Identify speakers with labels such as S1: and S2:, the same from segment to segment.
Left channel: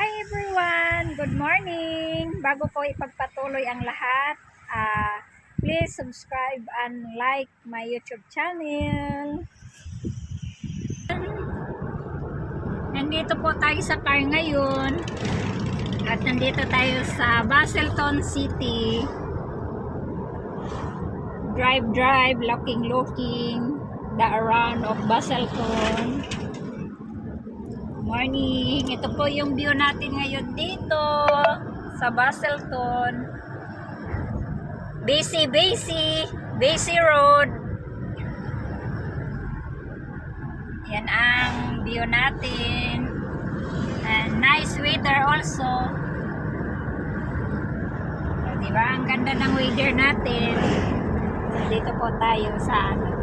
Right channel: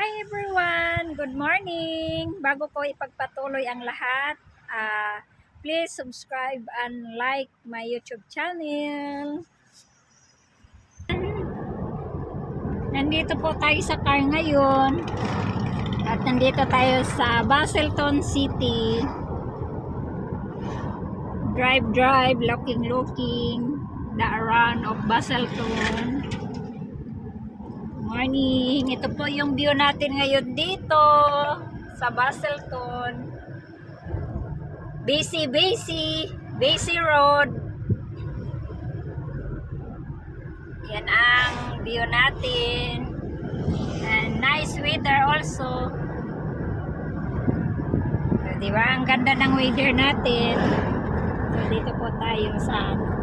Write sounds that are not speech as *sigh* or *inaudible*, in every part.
S1: Hi everyone! Good morning! Bago ko ipagpatuloy ang lahat, ah, please subscribe and like my YouTube channel. Nandito po tayo sa car ngayon. At nandito tayo sa Baselton City. Drive, drive, looking, looking. The around of Baselton. Morning! Ito po yung view natin ngayon dito sa Baselton. Busy, busy, busy road. Yan ang view natin. And nice weather also. So, di ba? Ang ganda ng weather natin. So, dito po tayo sa ano.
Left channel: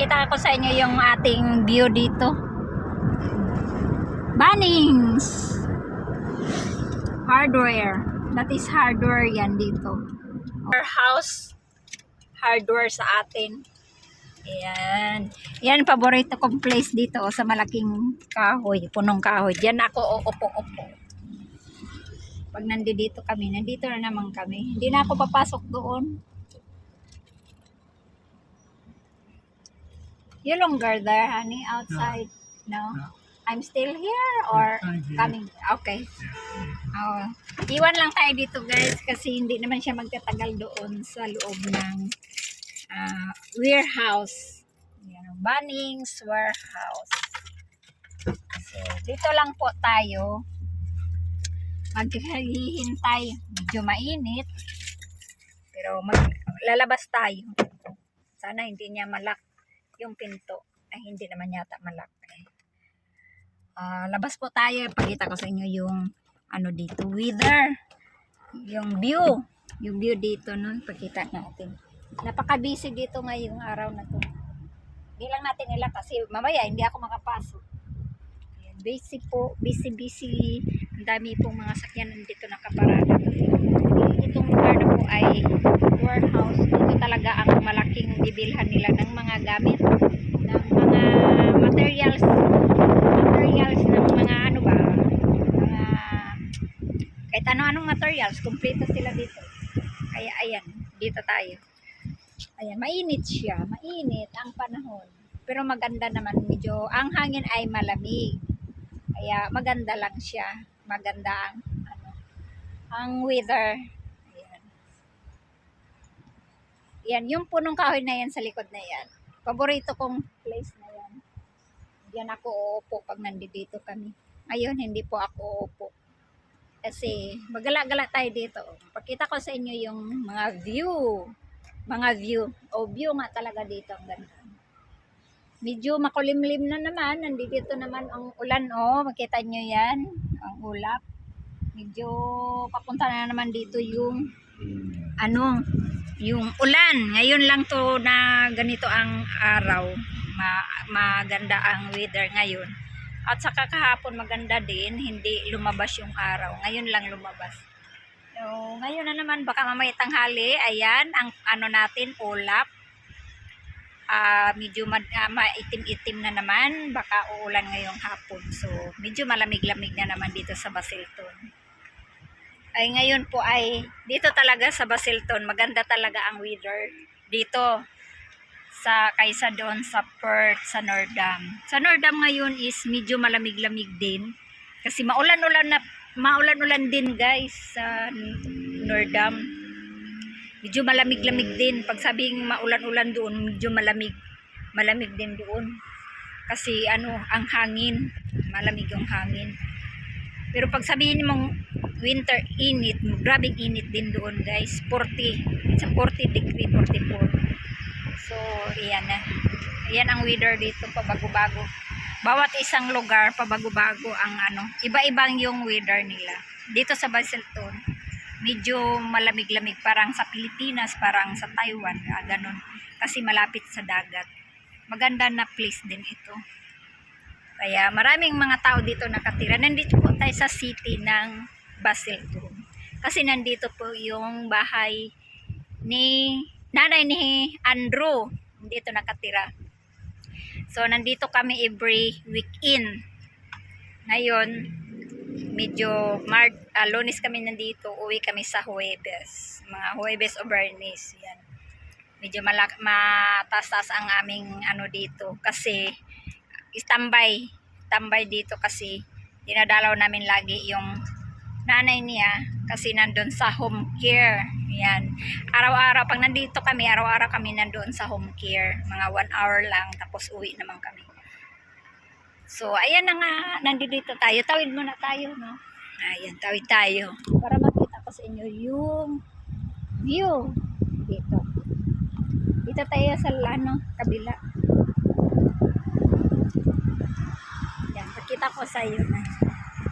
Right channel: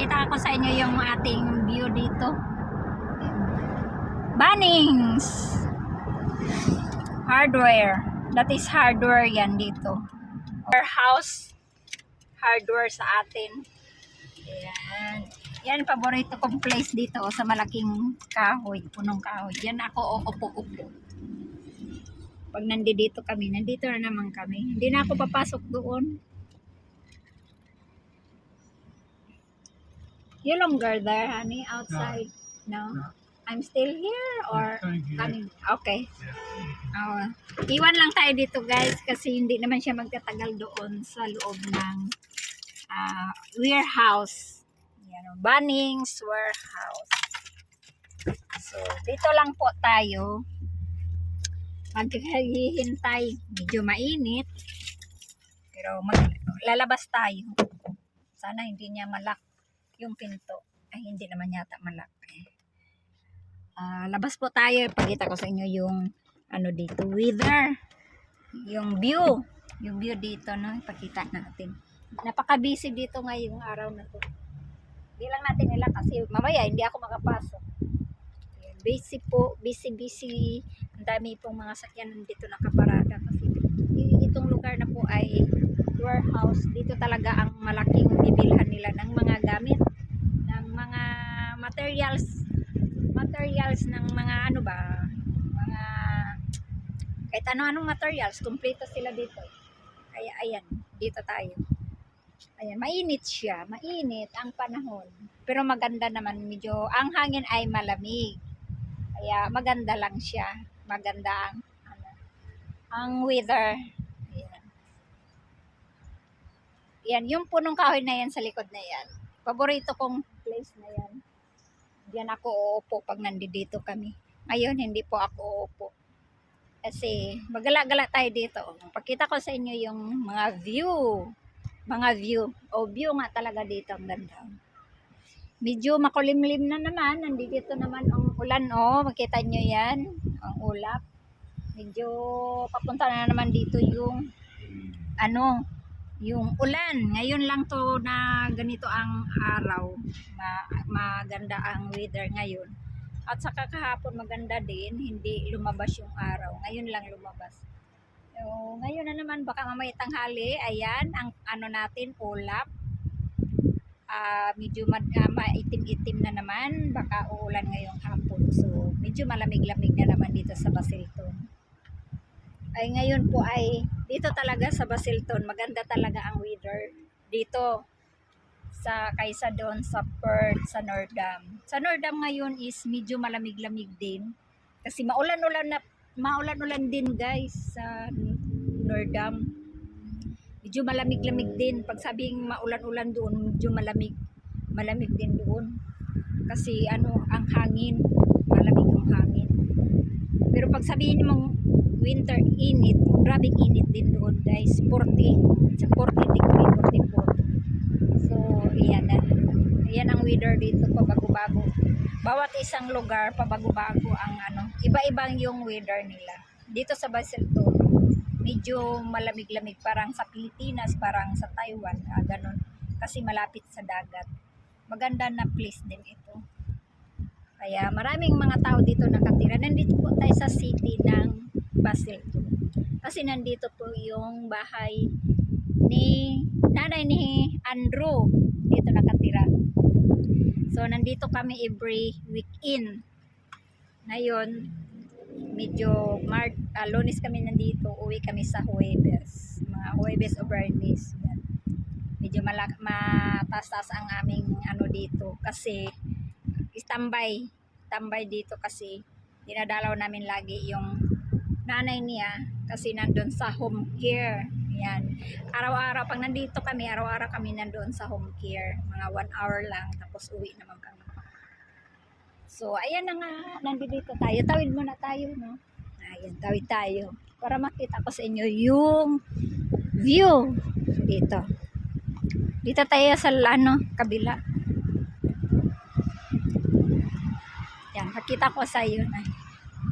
S1: Pakita ko sa inyo yung ating view dito. Bunnings! Hardware. That is hardware yan dito. Our house hardware sa atin. Ayan. Yan, paborito kong place dito oh, sa malaking kahoy, punong kahoy. Diyan ako uupo-upo. Pag nandito kami, nandito na naman kami. Hindi na ako papasok doon. You longer there, honey, outside? No?
S2: No.
S1: I'm still here or
S2: here.
S1: coming? Okay.
S2: Yeah.
S1: Oh, iwan lang tayo dito guys kasi hindi naman siya magtatagal doon sa loob ng ah, warehouse. Yan, Bunnings warehouse. So, dito lang po tayo. Maghihintay. Medyo mainit. Pero mag, lalabas tayo. Sana hindi niya malak yung pinto. Ay, hindi naman yata malak. Eh. Ah, labas po tayo. Pakita ko sa inyo yung ano dito, weather. Yung view. Yung view dito, no? Ipakita natin. Napaka-busy dito ngayong araw na to. Hindi lang natin nila kasi mamaya hindi ako makapasok. Ayan, busy po, busy busy. Ang dami pong mga sakyan nandito nakaparada kasi itong lugar na po ay warehouse. Dito talaga ang malaking bibilhan nila ng mga gamit, ng mga materials, materials ng mga ano ba, mga kahit ano-anong materials, kumpleto sila dito. Kaya ayan, dito tayo. Ayan, mainit siya. Mainit ang panahon. Pero maganda naman medyo, ang hangin ay malamig. Kaya maganda lang siya. Maganda ang ano, ang weather. Ayan. Yan, yung punong kahoy na yan sa likod na yan. Paborito kong place na yan. Diyan ako uupo pag nandito kami. Ngayon, hindi po ako uupo. Kasi magala-gala tayo dito. Pakita ko sa inyo yung mga view. Mga view. O view nga talaga dito. Ang ganda. Medyo makulimlim na naman. Nandito naman ang ulan. O, makita nyo yan. Ang ulap. Medyo papunta na naman dito yung ano, yung ulan. Ngayon lang to na ganito ang araw. Ma maganda ang weather ngayon. At saka kahapon maganda din, hindi lumabas yung araw. Ngayon lang lumabas. So, ngayon na naman, baka mamaya tanghali, ayan, ang ano natin, ulap. Ah, medyo ah, maitim-itim na naman, baka uulan ngayong hapon. So, medyo malamig-lamig na naman dito sa Basilton. Ay, ngayon po ay, dito talaga sa Basilton, maganda talaga ang weather. Dito, sa kaysa doon sa Perth, sa Nordam. Sa Nordam ngayon is medyo malamig-lamig din. Kasi maulan-ulan na maulan-ulan din guys sa Nordam. Medyo malamig-lamig din. Pag sabing maulan-ulan doon, medyo malamig. Malamig din doon. Kasi ano, ang hangin, malamig yung hangin. Pero pag sabihin mong winter init, grabing init din doon guys. 40, it's a 40 degree, 44. So, iyan na. Iyan ang weather dito, pabago-bago. Bawat isang lugar, pabago-bago ang ano. Iba-ibang yung weather nila. Dito sa Baselton, medyo malamig-lamig. Parang sa Pilipinas, parang sa Taiwan, ah, ganun. Kasi malapit sa dagat. Maganda na place din ito. Kaya maraming mga tao dito nakatira. Nandito po tayo sa city ng Baselton. Kasi nandito po yung bahay ni nanay ni Andrew dito nakatira. So nandito kami every weekend Ngayon, medyo Mart, ah, lunes kami nandito, uwi kami sa Huwebes. Mga Huwebes o Bernis. Yan. Medyo malak mataas ang aming ano dito kasi standby tambay dito kasi dinadalaw namin lagi yung nanay niya kasi nandun sa home care. Yan. Araw-araw, pag nandito kami, araw-araw kami nandun sa home care. Mga one hour lang, tapos uwi naman kami. So, ayan na nga, nandito tayo. Tawid muna tayo, no? Ayan, tawid tayo. Para makita ko sa inyo yung view dito. Dito tayo sa ano, kabila. Yan, makita ko sa iyo na.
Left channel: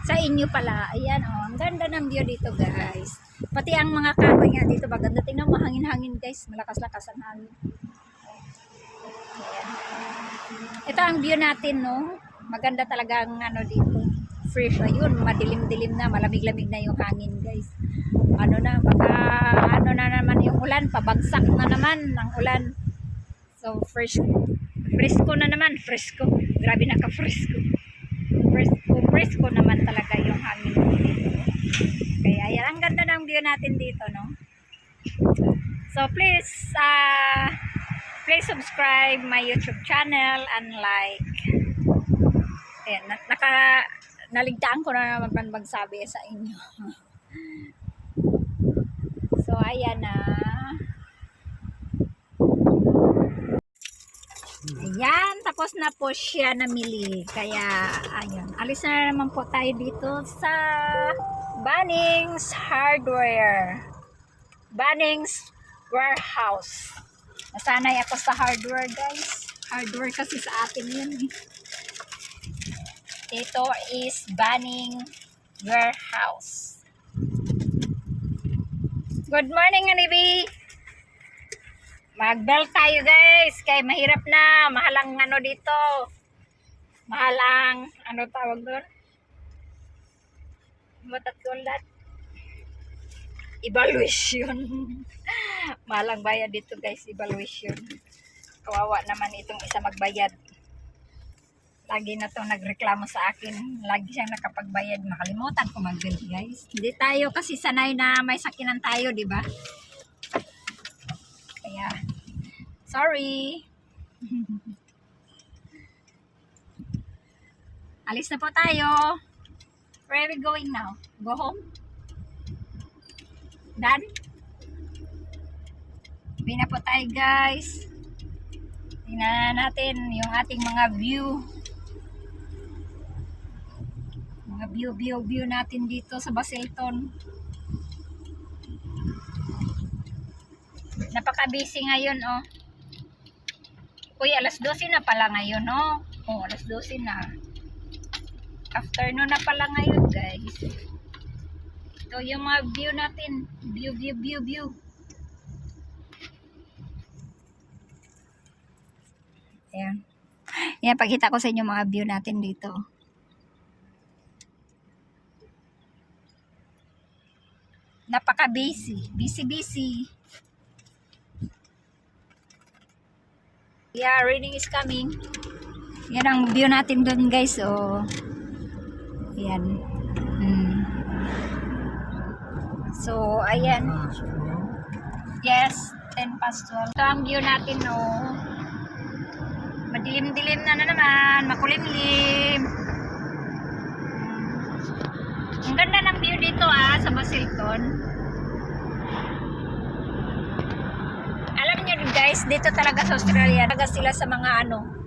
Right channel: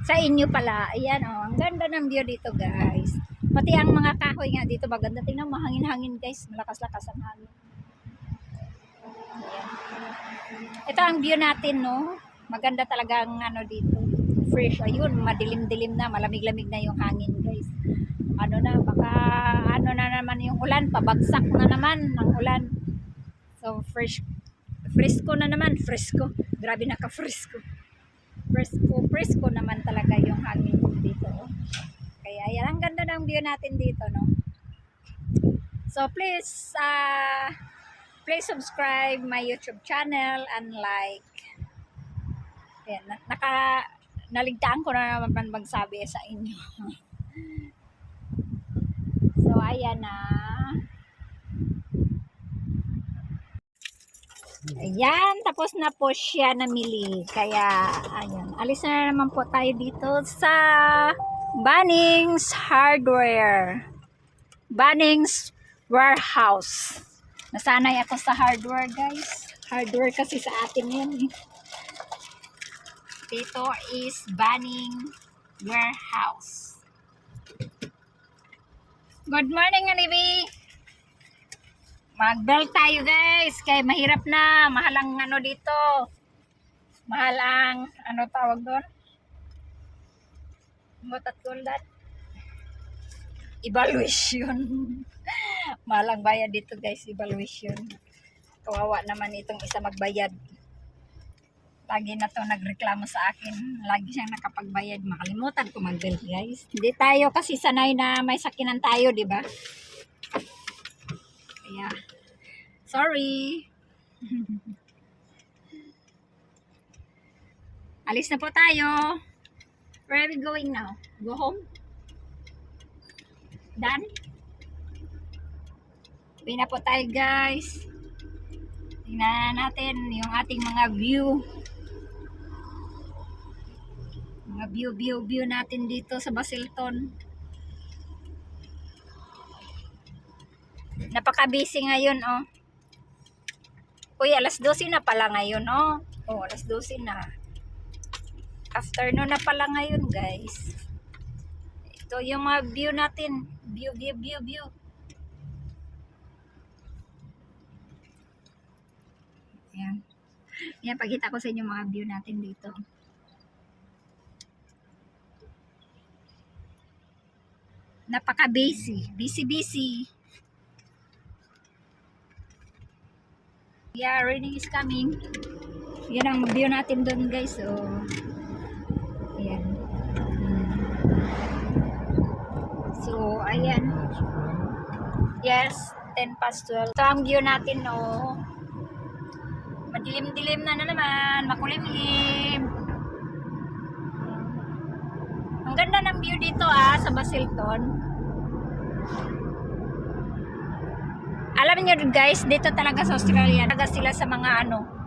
S1: Sa inyo pala. Ayan, oh. Ganda ng view dito, guys. Pati ang mga kahoy nga dito, maganda. Tingnan mo, hangin-hangin, guys. Malakas-lakas ang hangin. Ito ang view natin, no? Maganda talaga ang ano dito. Fresh. Ayun, madilim-dilim na. Malamig-lamig na yung hangin, guys. Ano na, baka ano na naman yung ulan. Pabagsak na naman ng ulan. So, fresh. Fresco na naman. Fresco. Grabe naka-fresco. Fresco. Fresco naman talaga yung hangin dito. Kaya, yan. Ang ganda ng view natin dito, no? So, please, ah... please subscribe my YouTube channel and like. Ayan, na- naka, naligtaan ko na naman magsabi sa inyo. *laughs* so, ayan na. Ayan, tapos na po siya namili. Kaya, ayun, alis na naman po tayo dito sa Bunnings Hardware. Bunnings Warehouse. Nasanay ako sa hardware, guys. Hardware kasi sa atin yun. Dito is Banning Warehouse. Good morning, Anibi! Mag-belt tayo, guys. Kaya mahirap na. Mahal ang ano dito. Mahal ang, ano tawag doon? Call that? Evaluation. *laughs* Mahal ang bayad dito guys, evaluation. Kawawa naman itong isa magbayad. Lagi na to nagreklamo sa akin. Lagi siyang nakapagbayad. Makalimutan ko mag-bill guys. Hindi tayo kasi sanay na may sakinan tayo, di ba? Kaya, sorry. *laughs* Alis na po tayo. Where are we going now? Go home? Done? Uwi na po tayo guys. Tingnan natin yung ating mga view. Mga view, view, view natin dito sa Basilton. Napaka-busy ngayon, oh. Uy, alas 12 na pala ngayon, oh. Oh, alas 12 na. Afternoon na pala ngayon, guys. Ito yung mga view natin. View, view, view, view. Ayan. Ayan, pakita ko sa inyo mga view natin dito. Napaka-busy. Busy-busy. Yeah, raining is coming. Yan ang view natin doon guys. Oh. Ayan. Mm. So, ayan. Yes, 10 past 12. Ito ang view natin, no. Madilim-dilim na na naman. Makulimlim. Mm. Ang ganda ng view dito, ah, sa Basilton. Alam niyo guys, dito talaga sa Australia, talaga sila sa mga ano,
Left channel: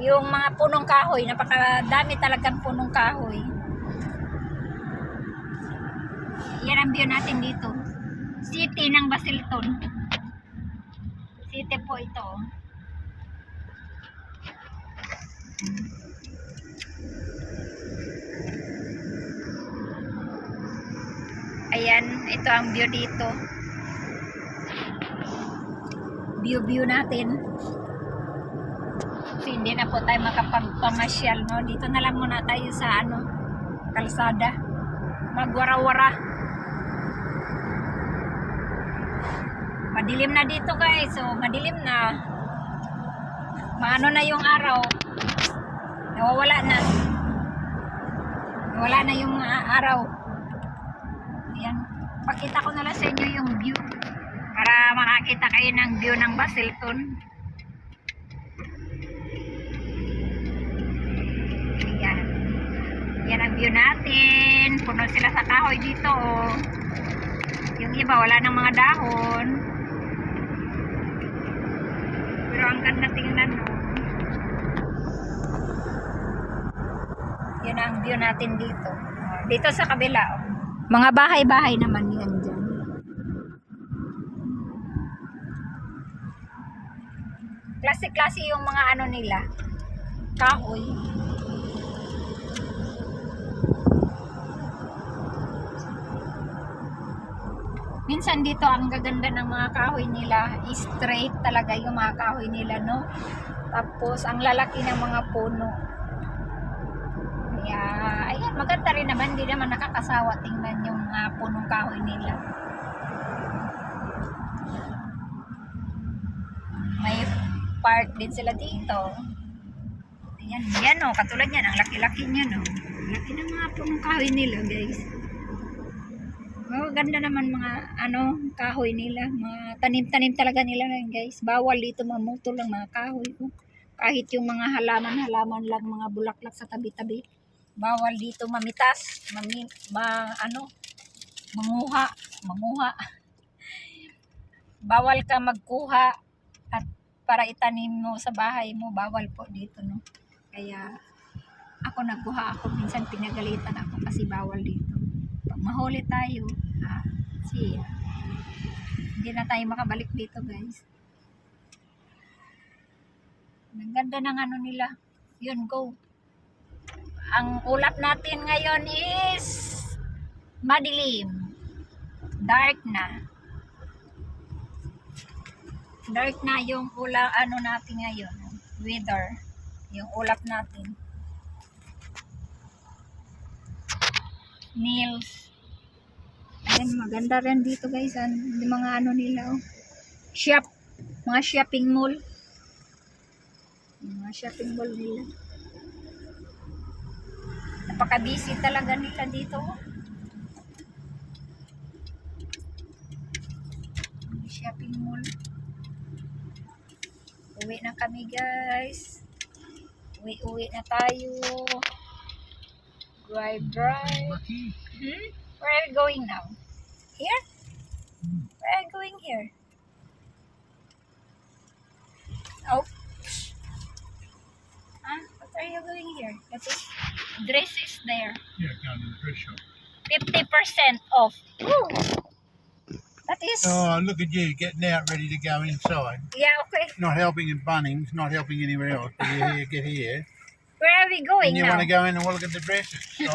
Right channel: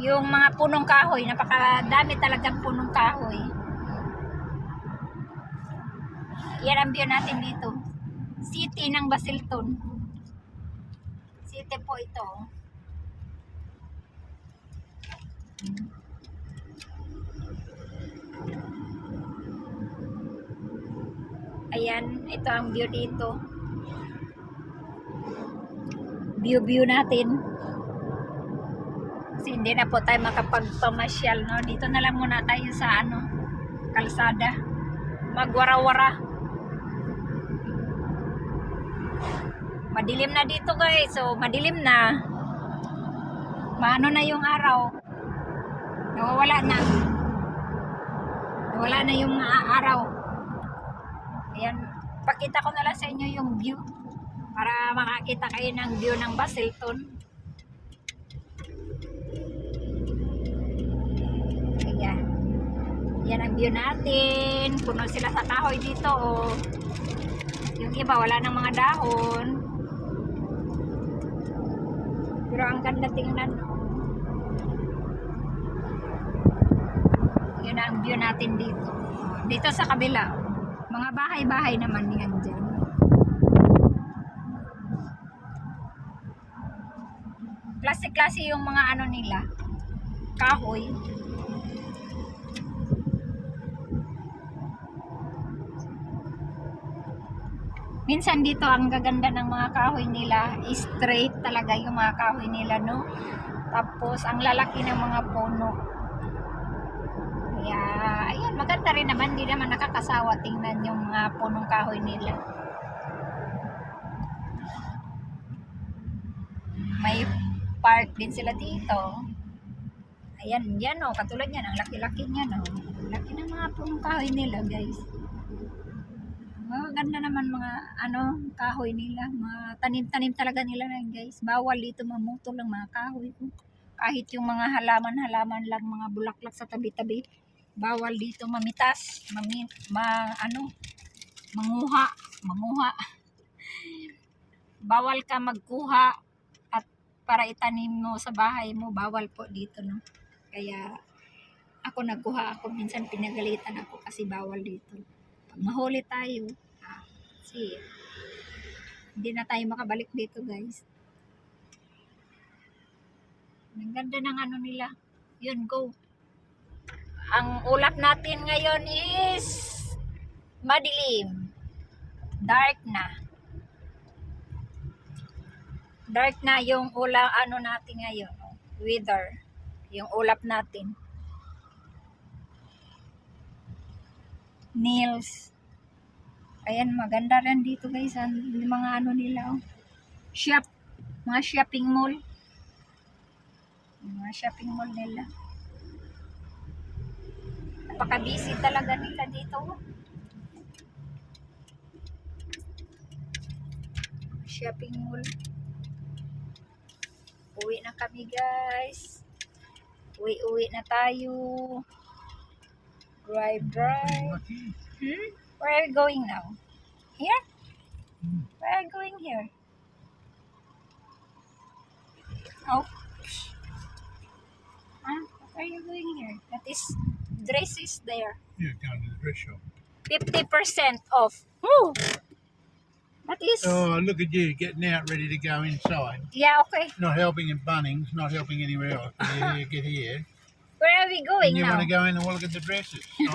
S1: yung mga punong kahoy, napakadami talagang punong kahoy. Yan natin dito. City ng Basilton. City po ito. Ayan, ito ang view dito. View view natin. Kasi hindi na po tayo makapagpamasyal, no? Dito na lang muna tayo sa ano, kalsada. Magwara-wara. Madilim na dito guys. So, madilim na. Maano na yung araw. Nawawala na. wala na yung araw. Ayan, pakita ko na lang sa inyo yung view para makakita kayo ng view ng Basilton. Ayan. Yan ang view natin. Puno sila sa kahoy dito. Oh. Yung iba wala ng mga dahon. Pero ang ganda tingnan no. Yun ang view natin dito. Dito sa kabila. Oh. Mga bahay-bahay naman yan dyan. Klase-klase yung mga ano nila. Kahoy. Minsan dito ang gaganda ng mga kahoy nila, straight talaga yung mga kahoy nila, no? Tapos ang lalaki ng mga puno. Kaya, ayan, maganda rin naman, hindi naman nakakasawa tingnan yung mga punong kahoy nila. May park din sila dito. Ayan, yan o, katulad yan, ang laki-laki niya, no? Laki ng mga punong kahoy nila, guys. Oh, ganda naman mga ano, kahoy nila. Mga tanim-tanim talaga nila yan, guys. Bawal dito mamutol ang mga kahoy ko. Kahit yung mga halaman-halaman lang, mga bulaklak sa tabi-tabi. Bawal dito mamitas, mami, ma, ano, manguha, mamuha. Bawal ka magkuha at para itanim mo sa bahay mo, bawal po dito, no? Kaya ako nagkuha ako, minsan pinagalitan ako kasi bawal dito mahuli tayo, ah, see, hindi na tayo makabalik dito guys. Ang ganda ng ano nila. Yun, go. Ang ulap natin ngayon is madilim. Dark na. Dark na yung ula ano natin ngayon. Weather. Yung ulap natin. Nails. Ayan, maganda rin dito guys. Ang yung mga ano nila, oh. Shop. Mga shopping mall. Mga shopping mall nila. Napaka-busy talaga nila dito, oh. Shopping mall. Uwi na kami guys. Uwi-uwi na tayo. Drive, drive. Hmm? Where are you going now? Here? Where are you going here? Oh. Huh? What are you doing here? That is, dress is there.
S2: Yeah, going to the dress shop.
S1: 50% off. Ooh. That is,
S2: Oh, look at you getting out ready to go inside.
S1: yeah, okay.
S2: Not helping in Bunnings, not helping anywhere else. *laughs* Here, get here.
S1: Where are we
S2: And
S1: going
S2: you
S1: now?
S2: want to go in and look at the dresses. So,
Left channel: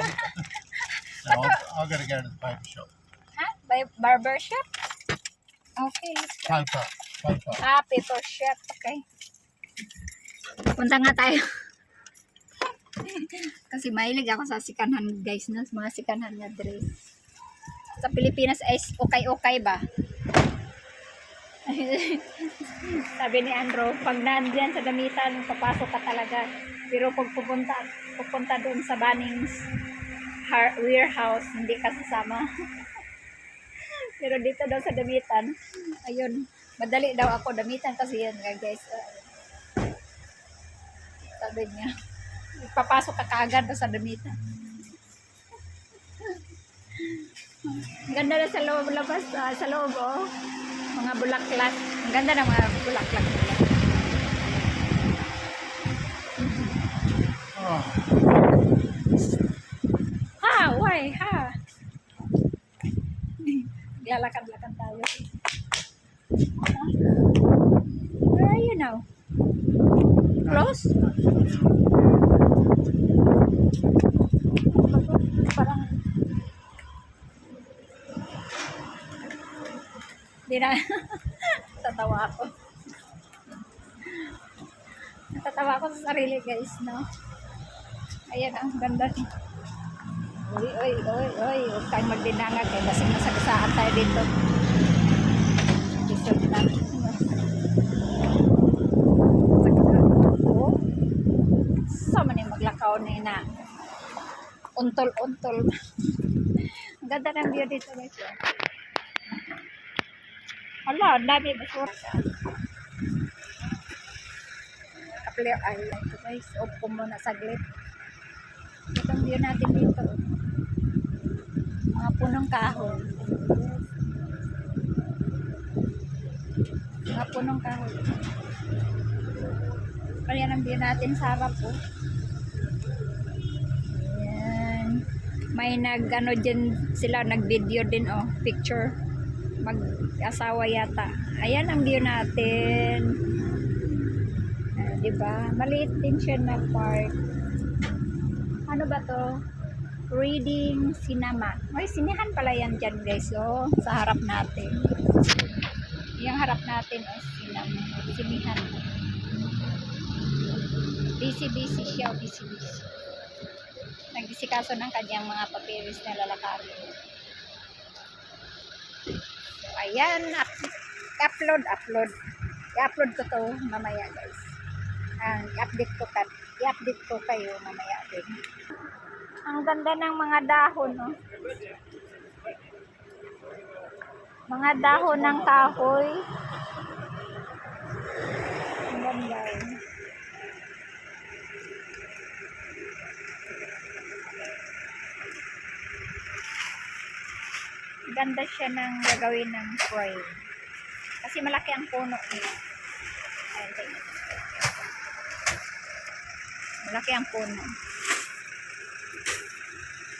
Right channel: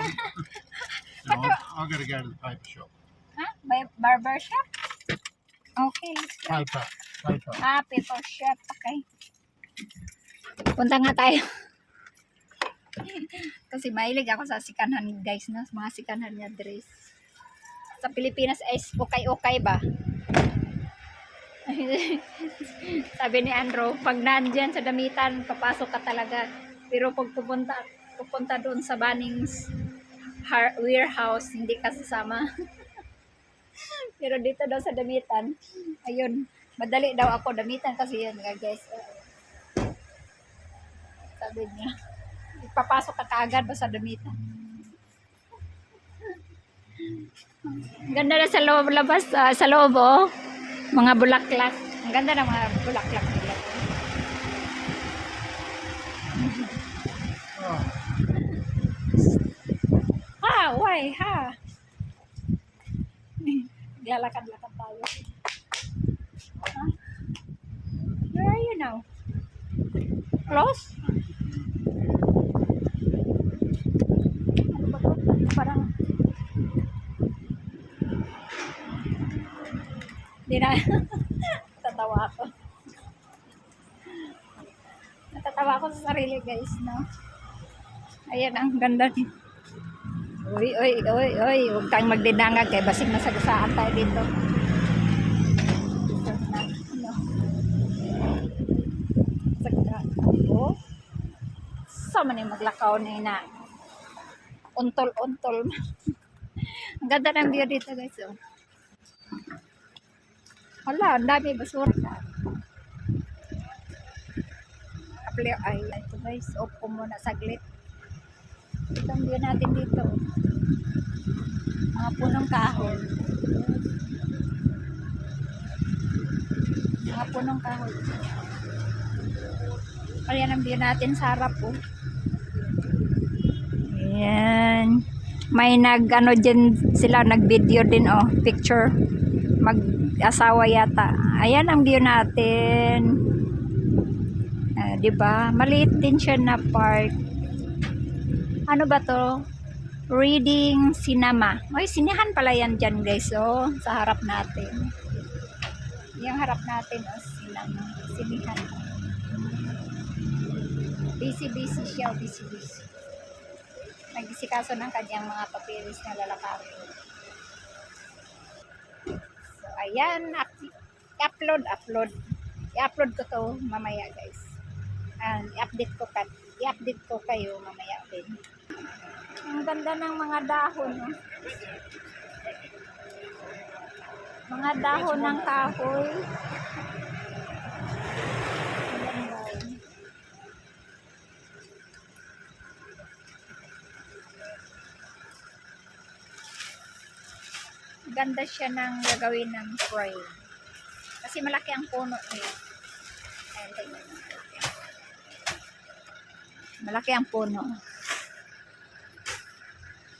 S2: no, I've, I've got to go to the paper shop.
S1: Huh? By barber shop? Okay, let's go.
S2: Paper, paper.
S1: Ah, paper shop. Okay. Punta nga tayo. *laughs* Kasi mahilig ako sa sikanhan guys na mga sikanhan niya dress. Sa Pilipinas ay okay-okay ba? *laughs* Sabi ni Andrew, pag nandyan sa damitan, papasok ka talaga. Pero pag pupunta, pupunta doon sa Bunnings warehouse, hindi ka sasama. *laughs* Pero dito daw sa damitan, ayun, madali daw ako damitan kasi yun nga guys. uh, sabi niya, papasok ka kaagad daw sa damitan. *laughs* Ganda na sa loob labas, ah, sa loob oh. Mga bulaklak. Ang ganda ng mga bulaklak nila.
S2: Oh,
S1: Ha, why? Ha? Lalakad-lakad tayo. Ha? Where are you now? Close? Parang... Di na. *laughs* Natatawa ako. Natatawa ako sa sarili guys, no? Ayan, ang ganda niya. Uy, uy, uy, uy, huwag tayong magdinangag kay basig na sa basaan tayo dito. Isog na. Na. Oh. Sa man yung maglakaw na ina. untol-untol. ang ganda ng view dito guys. Oh. Hala, ang dami basura sa ay ito guys. Ko muna saglit. Ito ang view natin dito. oh. Mga punong kahoy. Mga punong kahoy. Ayan ang view natin sa harap po. Ayan. May nag ano din sila nag-video din oh, picture. Mag-asawa yata. Ayan ang view natin. Ah, 'di ba? Maliit din siya na park. Ano ba 'to? Reading Cinema. May sinihan pala yan dyan guys, oh, sa harap natin. Yung harap natin, oh, cinema. Sinihan. Busy-busy siya, busy-busy. Nagdisikaso ng kanyang mga papiris na lalakarin. So, ayan, up, upload, upload. I-upload ko to mamaya, guys. And i-update ko, kat, i-update ko kayo mamaya din. Ang ganda ng mga dahon, no? Mga dahon ng kahoy. Ang ganda, eh. ganda siya ng gagawin ng frame. Kasi malaki ang puno niya. Ayan, tingnan. Malaki ang puno.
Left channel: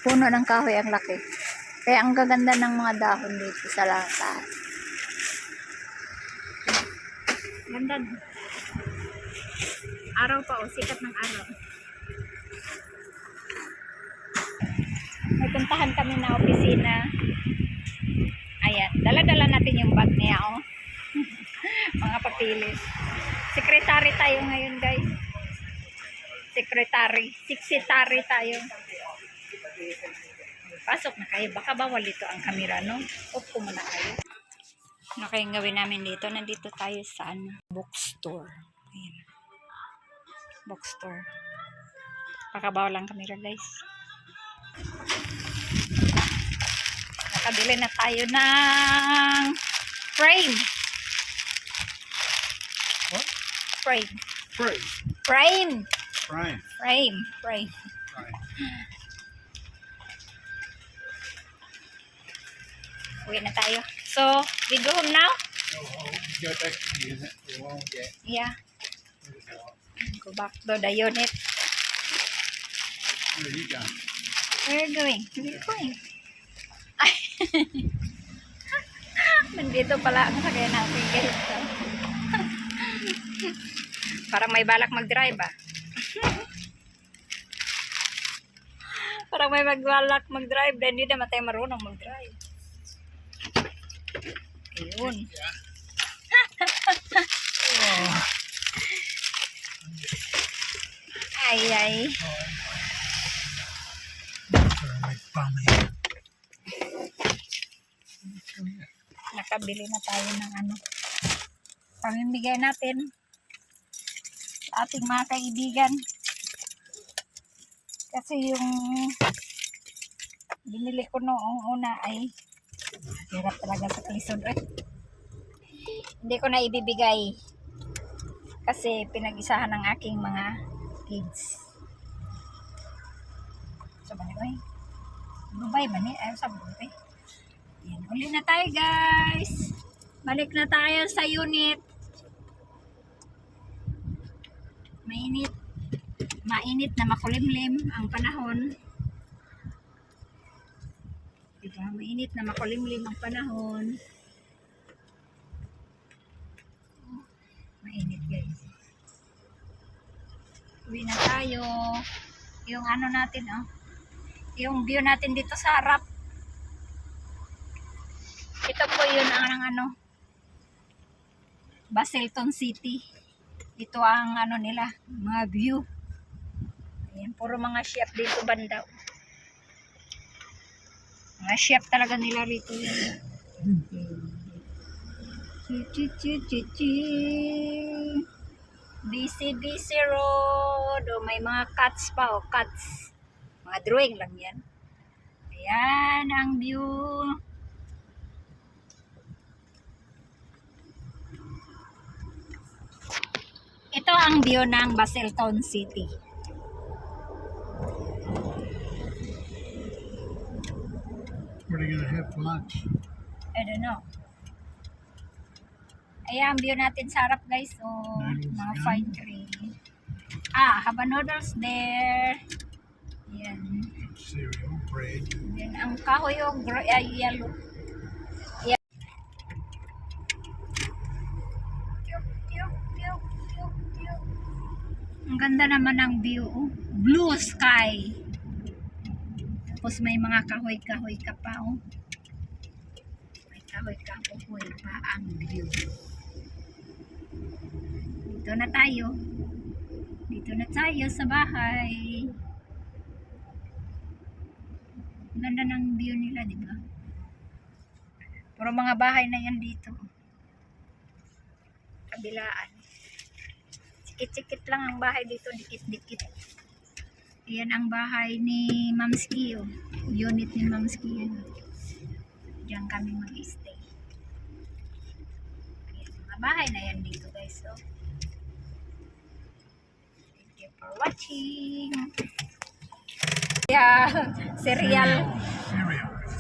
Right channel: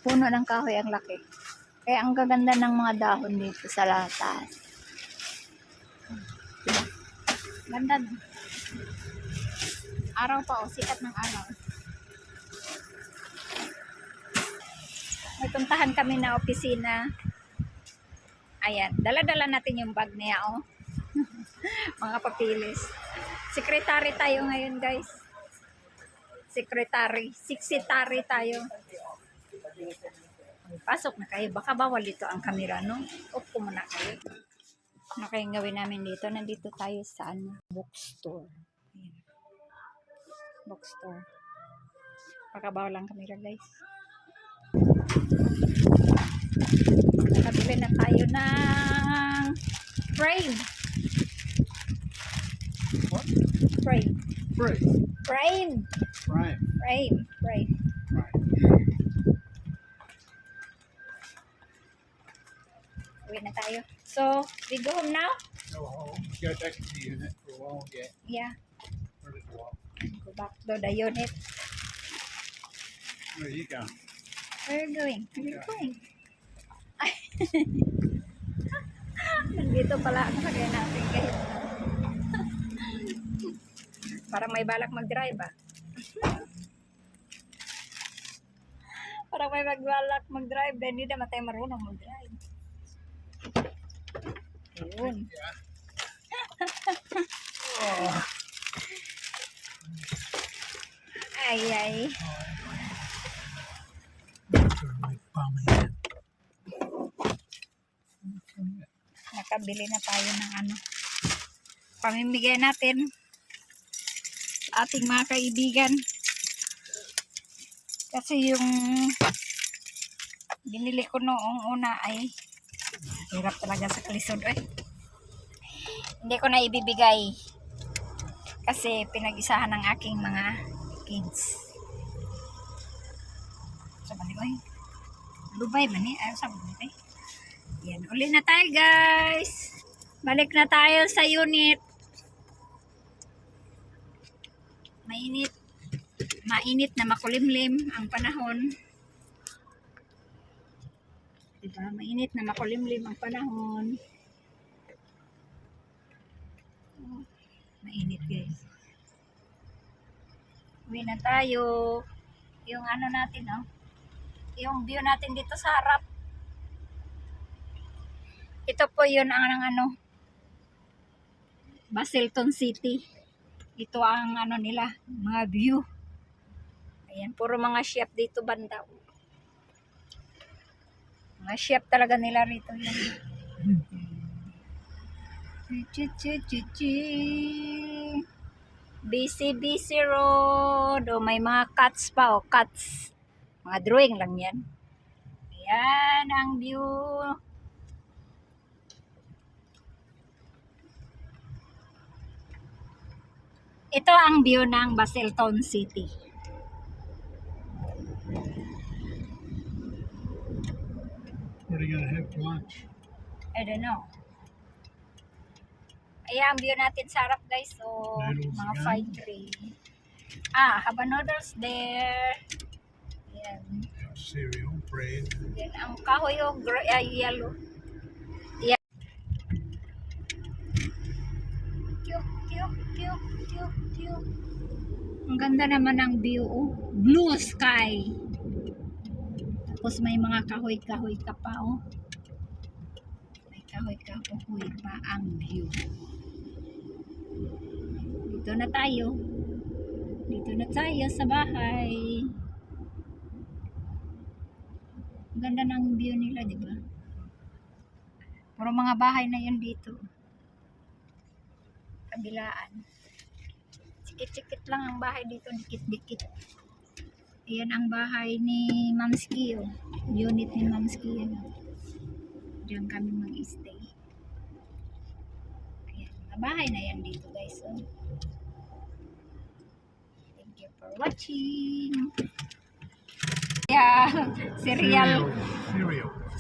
S1: Puno ng kahoy ang laki. Kaya ang gaganda ng mga dahon dito sa latas. Ganda. Araw pa o, sikat ng araw. May puntahan kami na opisina. Ayan, dala-dala natin yung bag niya, oh. *laughs* Mga papilis. Secretary tayo ngayon, guys. Secretary. Secretary tayo. Pasok na kayo. Baka bawal dito ang kamera, no? Off ko muna kayo. Ano kayong gawin namin dito? Nandito tayo sa ano? Bookstore. Ayan. Bookstore. Baka bawal ang kamera, guys. Nakabili na tayo ng frame.
S2: What?
S1: Frame.
S2: Free.
S1: Frame.
S2: Brian.
S1: Frame. Frame.
S2: Right.
S1: Uwi na tayo. So, we go home now?
S2: Go home. Go back to the unit for a while. Yeah.
S1: Go back to the unit.
S2: Where are you going?
S1: Where are you going? Where are you going? Ay. *laughs* Nandito pala ang sakay natin. *laughs* Parang may balak mag-drive ah. Parang may magbalak mag-drive dahil hindi naman tayo marunong mag-drive. Ayun.
S2: Oh. *laughs*
S1: Ay, ay. Nakabili na tayo ng ano pamimigay natin ating mga kaibigan kasi yung binili ko noong una ay hirap talaga sa kalisod eh hindi ko na ibibigay kasi pinag-isahan ng aking mga kids sa balik ko eh Dubai man eh ayaw sa Dubai yan, uli na tayo guys. Balik na tayo sa unit. Mainit. Mainit na makulimlim ang panahon. Diba? Mainit na makulimlim ang panahon. Oh, mainit guys. Uwi na tayo. Yung ano natin oh. Yung view natin dito sa harap. Ito po yun ang, ang ano, Baselton City. Ito ang ano nila, mga view. Ayan, puro mga chef dito banda. Mga chef talaga nila rito yun. Busy, busy road. O, may mga cats pa, o, cats. Mga drawing lang yan. Ayan ang view. Ito ang view ng Baseltown City.
S2: What are you gonna have for lunch?
S1: I don't know. Ayan, view natin sa harap guys. So,
S2: Noodles
S1: mga fine tree. Ah, haba noodles there. Yan.
S2: Cereal, bread.
S1: Yan, ang kahoy yung gr- ay, yellow. Yan. Cute, cute, cute, cute, cute. Ang ganda naman ng view. oh. Blue sky. Tapos may mga kahoy-kahoy ka pa, oh. May kahoy-kahoy pa ang view. Dito na tayo. Dito na tayo sa bahay. Ganda ng view nila, di ba? Puro mga bahay na yan dito. Kabilaan. Sikit-sikit lang ang bahay dito, dikit-dikit. Ayan ang bahay ni Ma'am Ski, oh. Unit ni Ma'am Ski, yan. oh. Diyan kami mag-stay. Ayan, mga bahay na yan dito, guys, oh. Thank you for watching. Yeah, cereal.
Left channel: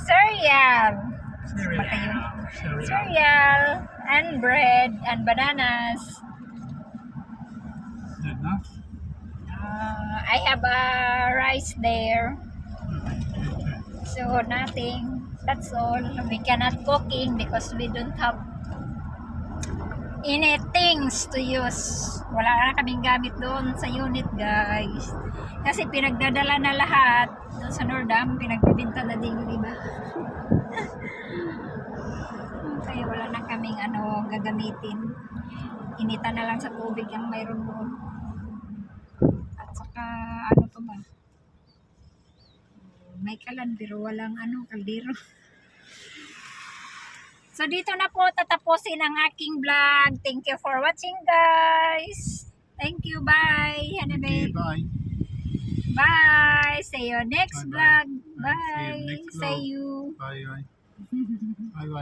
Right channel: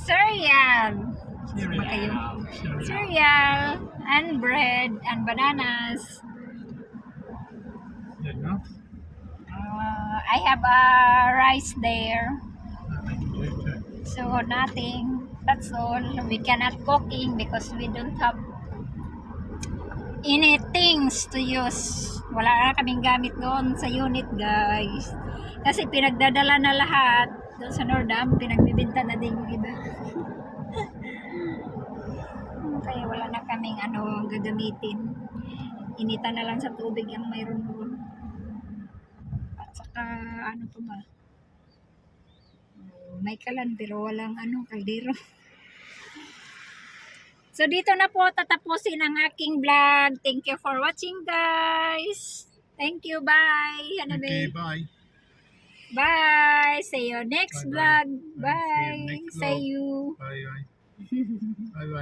S2: Cereal.
S1: Cereal.
S2: Cereal
S1: and bread and bananas.
S2: Is that enough?
S1: Uh, I have a rice there.
S2: Okay.
S1: So nothing. That's all. We cannot cooking because we don't have any things to use. Wala na kaming gamit doon sa unit, guys. Kasi pinagdadala na lahat doon sa Nordam, pinagbibinta na din yung iba. *laughs* Kaya wala na kaming ano gagamitin. Inita na lang sa tubig ang mayroon doon. Ano pa ba? May kalan pero walang ano kaldero. *laughs* So dito na po tatapusin ang aking vlog. Thank you for watching guys. Thank you. Bye. Hanabe.
S2: Okay, bye.
S1: Bye. See you next
S2: Bye-bye.
S1: vlog.
S2: Bye. See you
S1: Bye.
S2: next
S1: See
S2: vlog.
S1: you.
S2: Bye bye. bye *laughs* bye.